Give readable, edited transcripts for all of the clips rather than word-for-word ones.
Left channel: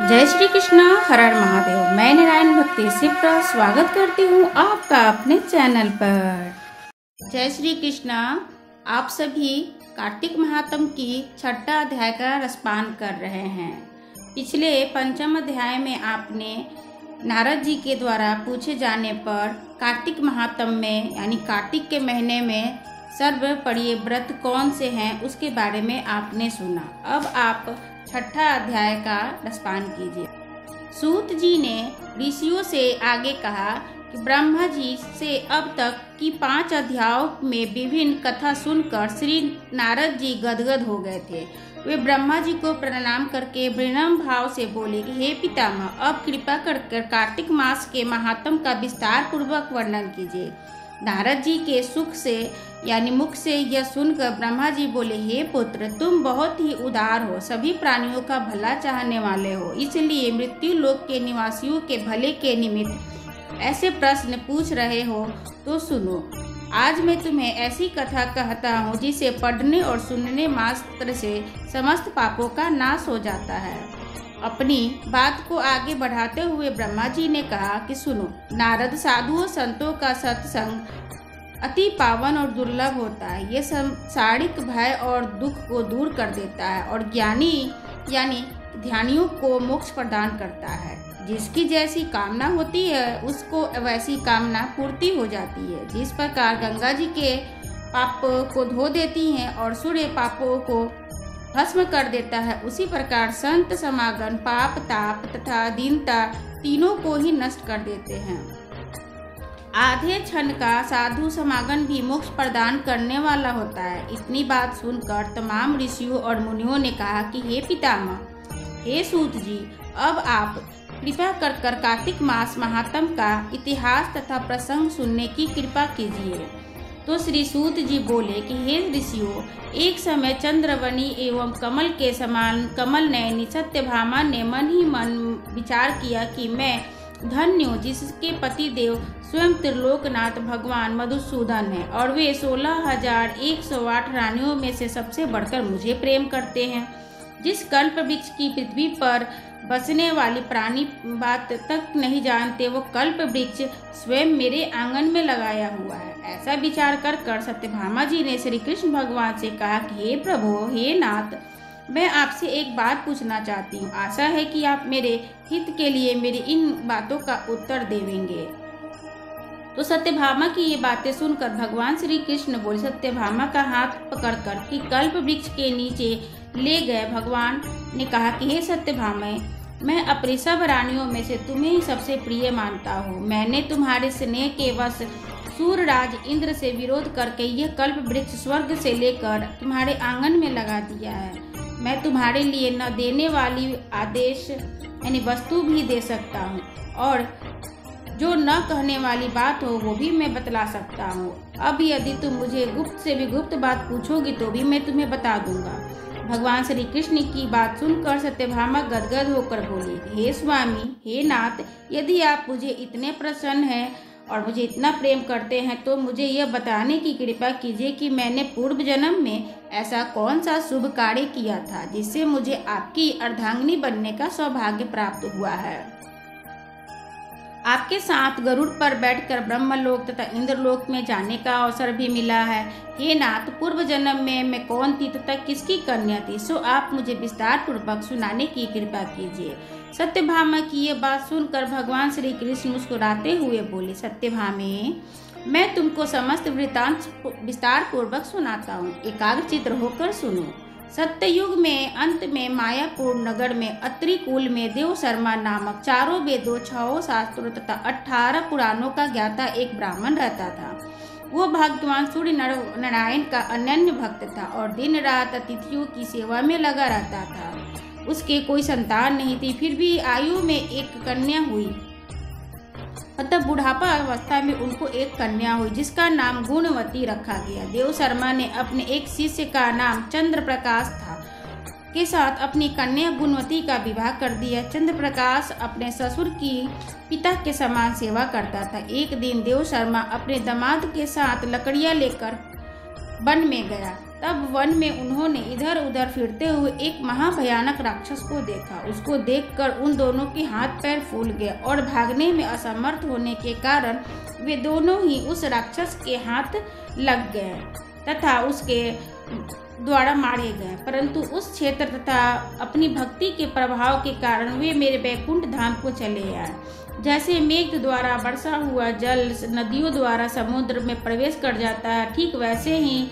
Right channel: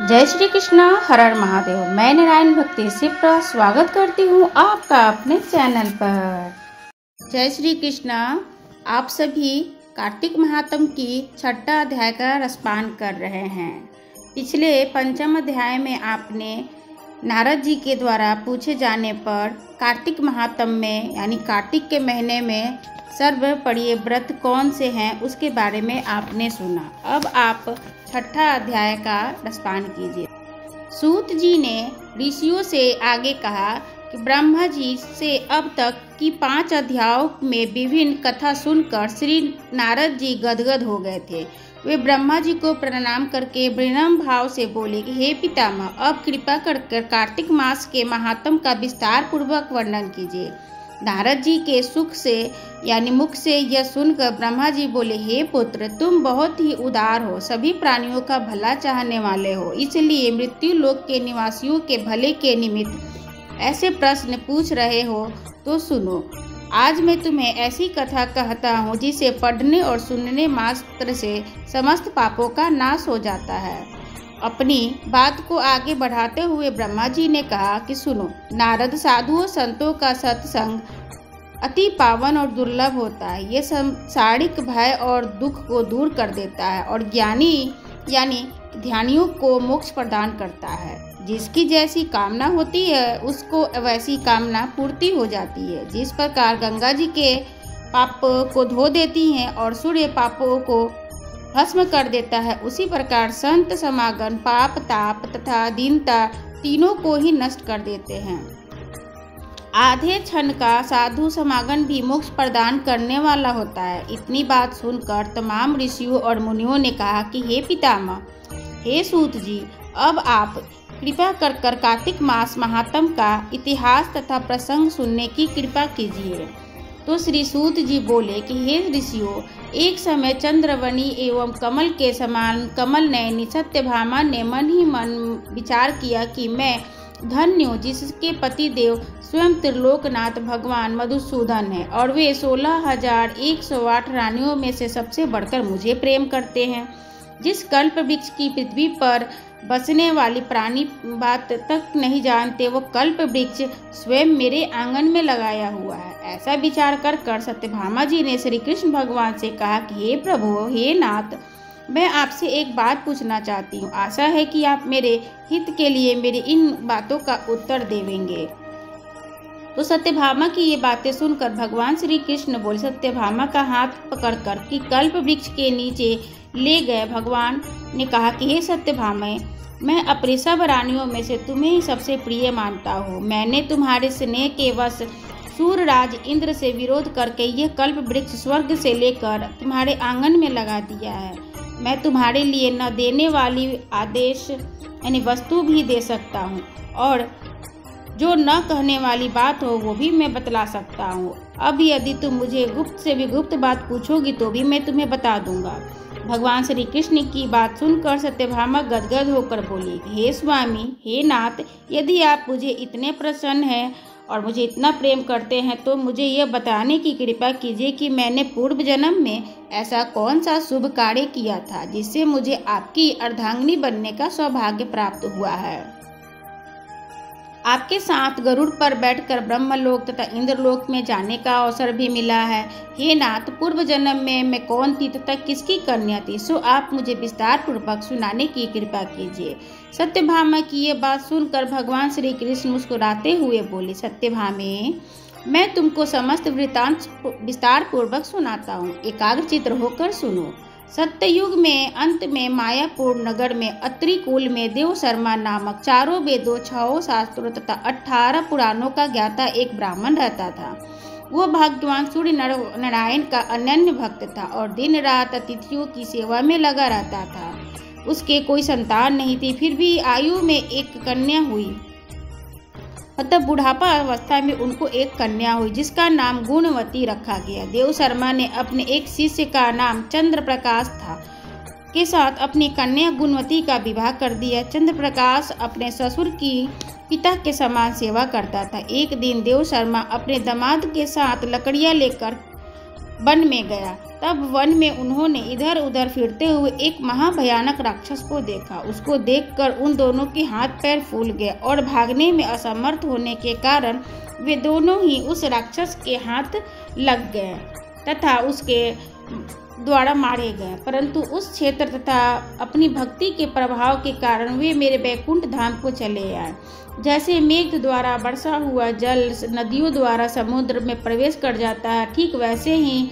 जय श्री कृष्णा, हर हर महादेव। मैं नारायण भक्ति शिप्रा स्वागत करती हूँ आपका अपने चैनल पर। जय श्री कृष्णा। आप सभी कार्तिक महात्म की छठा अध्याय का रसपान कर रहे हैं। पिछले पंचम अध्याय में आपने नारद जी के द्वारा पूछे जाने पर कार्तिक महात्म में यानी कार्तिक के महीने में सर्वप्रिय व्रत कौन से हैं उसके बारे में आपने सुना। अब आप छठा अध्याय का रसपान कीजिए। सूत जी ने ऋषियों से आगे कहा कि ब्रह्मा जी से अब तक की 5 अध्यायों में विभिन्न कथा सुनकर श्री नारद जी गदगद हो गए थे। वे ब्रह्मा जी को प्रणाम करके विनम्र भाव से बोले कि हे पितामह, अब कृपा कर कार्तिक मास के महात्म का विस्तार पूर्वक वर्णन कीजिए। नारद जी के सुख से यानी मुख से यह सुनकर ब्रह्मा जी बोले, हे पुत्र, तुम बहुत ही उदार हो, सभी प्राणियों का भला चाहने वाले हो, इसलिए मृत्यु लोक के निवासियों के भले के निमित्त ऐसे प्रश्न पूछ रहे हो तो सुनो। आज मैं तुम्हें ऐसी कथा कहता हूँ जिसे पढ़ने और सुनने मात्र से समस्त पापों का नाश हो जाता है। अपनी बात को आगे बढ़ाते हुए ब्रह्मा जी ने कहा कि सुनो नारद, साधुओं संतों का सत्संग अति पावन और दुर्लभ होता है। ये सांसारिक भय और दुख को दूर कर देता है और ज्ञानी यानी ध्यानियों को मोक्ष प्रदान करता है। जिसकी जैसी कामना होती है उसको वैसी कामना पूर्ति हो जाती है। जिस प्रकार गंगा जी के पाप को धो देती हैं और सूर्य पापों को भस्म कर देता है, उसी प्रकार संत समागम पाप, ताप तथा दीनता तीनों को ही नष्ट कर देते हैं। आधे क्षण का साधु समागम भी मोक्ष प्रदान करने वाला होता है। इतनी बात सुनकर तमाम ऋषियों और मुनियों ने कहा कि हे पितामह, हे सूत जी, अब आप कृपा कर कार्तिक मास महात्म का इतिहास तथा प्रसंग सुनने की कृपा कीजिए। तो श्री सूत जी बोले कि हे ऋषियों, एक समय चंद्रवनी एवं कमल के समान कमल नयनी सत्यभामा ने मन ही मन विचार किया कि मैं धन्य हूँ जिसके पति देव स्वयं त्रिलोकनाथ भगवान मधुसूदन है और वे 16,108 रानियों में से सबसे बढ़कर मुझे प्रेम करते हैं। जिस कल्प वृक्ष की पृथ्वी पर बसने वाली प्राणी बात तक नहीं जानते, वो कल्प वृक्ष स्वयं मेरे आंगन में लगाया हुआ है। ऐसा विचार कर सत्यभामा जी ने श्री कृष्ण भगवान से कहा कि हे प्रभु, हे नाथ, मैं आपसे एक बात पूछना चाहती हूँ। आशा है कि आप मेरे हित के लिए मेरी इन बातों का उत्तर देवेंगे। तो सत्यभामा की ये बातें सुनकर भगवान श्री कृष्ण बोले, सत्यभामा का हाथ पकड़कर कि कल्प वृक्ष के नीचे ले गए। भगवान ने कहा कि हे सत्यभामा, मैं अपनी सब रानियों में से तुम्हें ही सबसे प्रिय मानता हूँ। मैंने तुम्हारे स्नेह के वश सूर्यराज इंद्र से विरोध करके यह कल्प वृक्ष स्वर्ग से लेकर तुम्हारे आंगन में लगा दिया है। मैं तुम्हारे लिए न देने वाली आदेश यानी वस्तु भी दे सकता हूँ और जो न कहने वाली बात हो वो भी मैं बतला सकता हूँ। अब यदि तुम मुझे गुप्त से भी गुप्त बात पूछोगी तो भी मैं तुम्हें बता दूंगा। भगवान श्री कृष्ण की बात सुनकर सत्यभामा गदगद होकर बोली, हे स्वामी, हे नाथ, यदि आप मुझे इतने प्रसन्न हैं और मुझे इतना प्रेम करते हैं तो मुझे यह बताने की कृपा कीजिए कि मैंने पूर्व जन्म में ऐसा कौन सा शुभ कार्य किया था जिससे मुझे आपकी अर्धांगिनी बनने का सौभाग्य प्राप्त हुआ है। आपके साथ गरुड़ पर बैठकर ब्रह्मलोक तथा इंद्रलोक में जाने का अवसर भी मिला है। हे नाथ, पूर्व जन्म में मैं कौन थी तथा किसकी कन्या थी, सो आप मुझे विस्तार पूर्वक सुनाने की कृपा कीजिए। सत्यभामा की ये बात सुनकर भगवान श्री कृष्ण मुस्कुराते हुए बोले, सत्यभामे, मैं तुमको समस्त वृतांत विस्तार पूर्वक सुनाता हूँ, एकाग्रचित्त होकर सुनो। सत्ययुग में अंत में मायापुर नगर में अत्रि कुल में देव शर्मा नामक 4 वेदों, 6 शास्त्रों तथा 18 पुराणों का ज्ञाता एक ब्राह्मण रहता था। वो भगवान सूर्य नारायण का अनन्य भक्त था और दिन रात अतिथियों की सेवा में लगा रहता था। उसके कोई संतान नहीं थी, फिर भी आयु में एक कन्या हुई। अतः बुढ़ापा अवस्था में उनको एक कन्या हुई जिसका नाम गुणवती रखा गया। देव शर्मा ने अपने एक शिष्य का नाम चंद्र प्रकाश था के साथ अपनी कन्या गुणवती का विवाह कर दिया। चंद्र प्रकाश अपने ससुर की पिता के समान सेवा करता था। एक दिन देव शर्मा अपने दामाद के साथ लकड़ियां लेकर वन में गया। तब वन में उन्होंने इधर उधर फिरते हुए एक महाभयानक राक्षस को देखा। उसको देखकर उन दोनों के हाथ पैर फूल गए और भागने में असमर्थ होने के कारण वे दोनों ही उस राक्षस के हाथ लग गए तथा उसके द्वारा मारे गए। परंतु उस क्षेत्र तथा अपनी भक्ति के प्रभाव के कारण वे मेरे वैकुंठ धाम को चले आए। जैसे मेघ द्वारा बरसा हुआ जल नदियों द्वारा समुद्र में प्रवेश कर जाता है, ठीक वैसे ही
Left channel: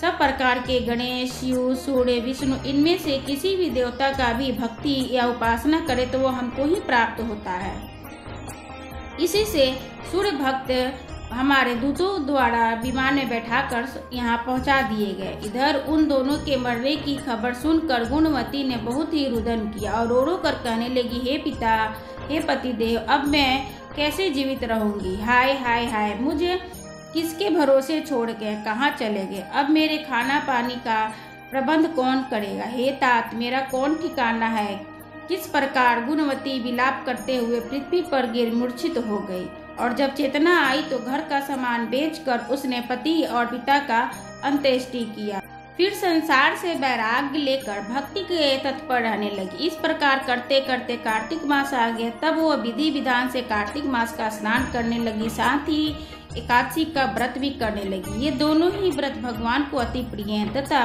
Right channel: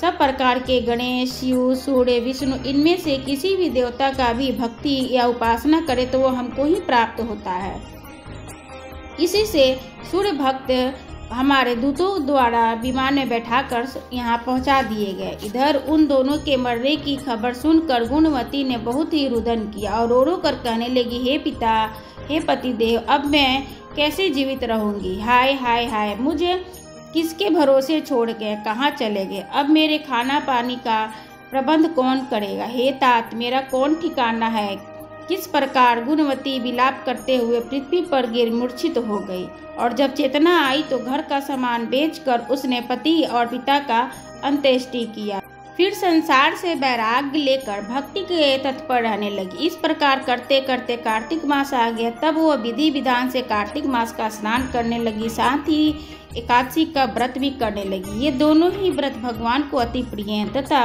सब प्रकार के गणेश, शिव, सूर्य, विष्णु, इनमें से किसी भी देवता का भी भक्ति या उपासना करे तो वो हमको ही प्राप्त होता है। इसी से सूर्य भक्त हमारे दूतों द्वारा विमान में बैठाकर यहाँ पहुँचा दिए गए। इधर उन दोनों के मरने की खबर सुनकर गुणवती ने बहुत ही रुदन किया और रो रो कर कहने लगी, हे पिता, हे पतिदेव, अब मैं कैसे जीवित रहूंगी? हाय हाय हाय, मुझे किसके भरोसे छोड़ के कहाँ चले गए? अब मेरे खाना पानी का प्रबंध कौन करेगा? हे तात, मेरा कौन ठिकाना है? किस प्रकार गुणवती विलाप करते हुए पृथ्वी पर गिर मूर्छित हो गई और जब चेतना आई तो घर का सामान बेचकर उसने पति और पिता का अंत्येष्टि किया। फिर संसार से वैराग्य लेकर भक्ति के तत्पर रहने लगी। इस प्रकार करते करते कार्तिक मास आ गया। तब वो विधि विधान से कार्तिक मास का स्नान करने लगी, साथ ही एकादशी का व्रत भी करने लगी। ये दोनों ही व्रत भगवान को अति प्रिय हैं तथा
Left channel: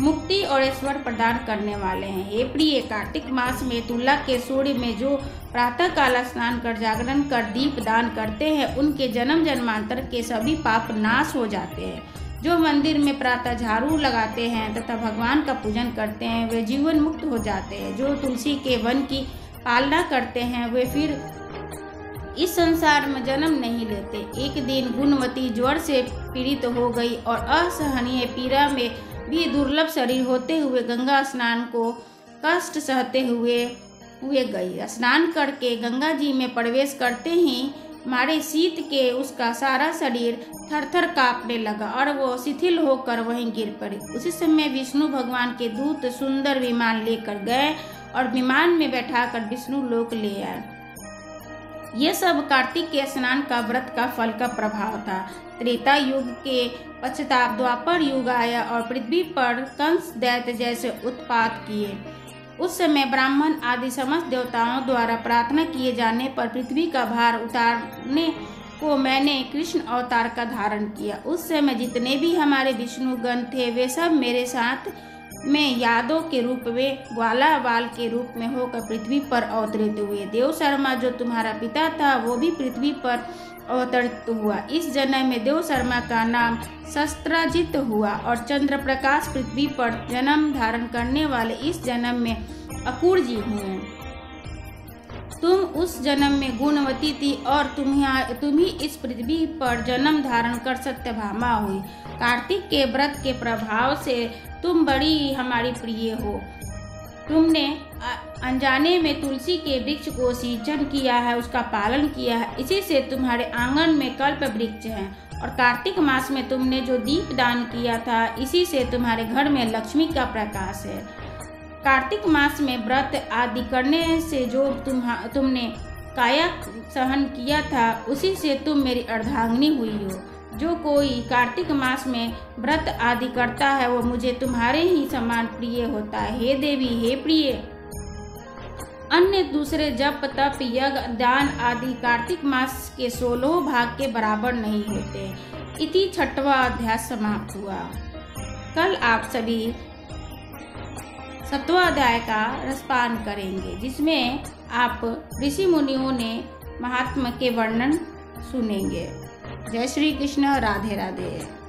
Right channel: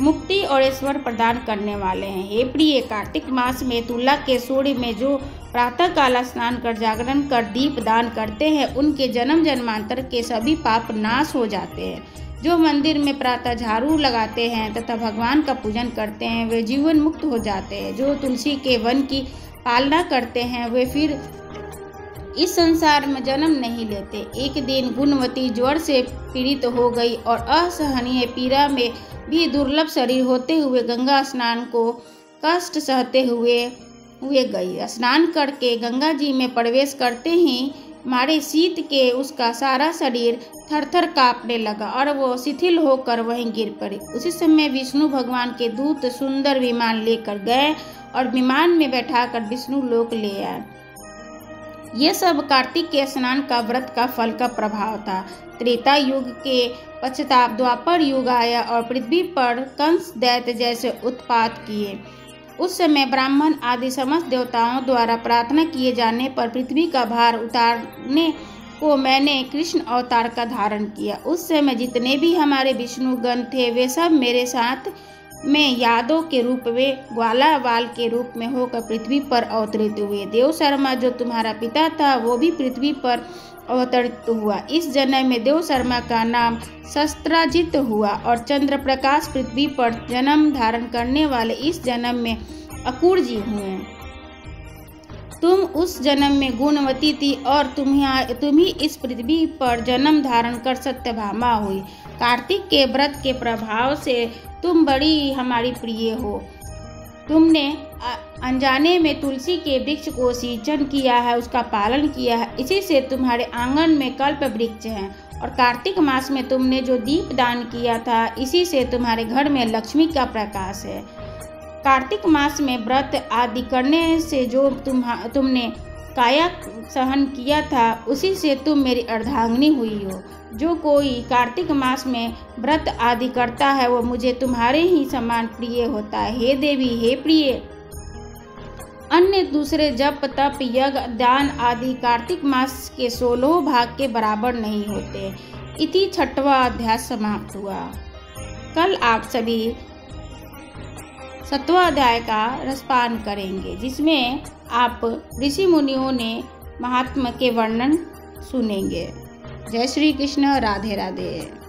मुक्ति और ऐश्वर्य प्रदान करने वाले हैं। हे प्रिय, कार्तिक मास में तुला के सूर्य में जो प्रातः काल स्नान कर जागरण कर दीप दान करते हैं, उनके जन्म जन्मांतर के सभी पाप नाश हो जाते हैं। जो मंदिर में प्रातः झाड़ू लगाते हैं तथा भगवान का पूजन करते हैं, वे जीवन मुक्त हो जाते हैं। जो तुलसी के वन की पालना करते हैं, वे फिर इस संसार में जन्म नहीं लेते। एक दिन गुणवती ज्वर से पीड़ित हो गई और असहनीय पीड़ा में भी दुर्लभ शरीर होते हुए गंगा स्नान को कष्ट सहते हुए गई। स्नान करके गंगा जी में प्रवेश करते ही मारे शीत के उसका सारा शरीर थरथर कांपने लगा और वो शिथिल होकर वहीं गिर पड़ी। उसी समय विष्णु भगवान के दूत सुंदर विमान लेकर गए और विमान में बैठाकर विष्णु लोक ले आए। ये सब कार्तिक के स्नान का व्रत का फल का प्रभाव था। त्रेता युग के पश्चात द्वापर युग आया और पृथ्वी पर कंस दैत्य जैसे उत्पात किए। उस समय ब्राह्मण आदि समस्त देवताओं द्वारा प्रार्थना किए जाने पर पृथ्वी का भार उतारने को मैंने कृष्ण अवतार का धारण किया। उस समय जितने भी हमारे विष्णु गण थे, वे सब मेरे साथ में यादव के रूप में, ग्वाला बाल के रूप में होकर पृथ्वी पर अवतरित हुए। देव शर्मा जो तुम्हारा पिता था, वो भी पृथ्वी पर अवतरित हुआ। इस जन्म में देव शर्मा का नाम शस्त्राजित हुआ और चंद्र प्रकाश पृथ्वी पर जन्म धारण करने वाले इस जन्म में अकुर जी हुए। तुम उस जन्म में गुणवती थी और तुम ही इस पृथ्वी पर जन्म धारण कर सत्यभामा हुई। कार्तिक के व्रत के प्रभाव से तुम बड़ी हमारी प्रिय हो। तुमने अनजाने में तुलसी के वृक्ष को सिंचन किया है, उसका पालन किया है, इसी से तुम्हारे आंगन में कल्प वृक्ष है। और कार्तिक मास में तुमने जो दीप दान किया था, इसी से तुम्हारे घर में लक्ष्मी का प्रकाश है। कार्तिक मास में व्रत आदि करने से जो तुमने काया सहन किया था, उसी से तुम मेरी अर्धांगिनी हुई हो। जो कोई कार्तिक मास में व्रत आदि करता है, वो मुझे तुम्हारे ही समान प्रिय होता है। हे देवी, हे प्रिय, अन्य दूसरे जप तप यज्ञ दान आदि कार्तिक मास के 16 भाग के बराबर नहीं होते। इति 6वां अध्याय समाप्त हुआ। कल आप सभी 7वां अध्याय का रसपान करेंगे, जिसमें आप ऋषि मुनियों ने महात्मा के वर्णन सुनेंगे। जय श्री कृष्ण, राधे राधे।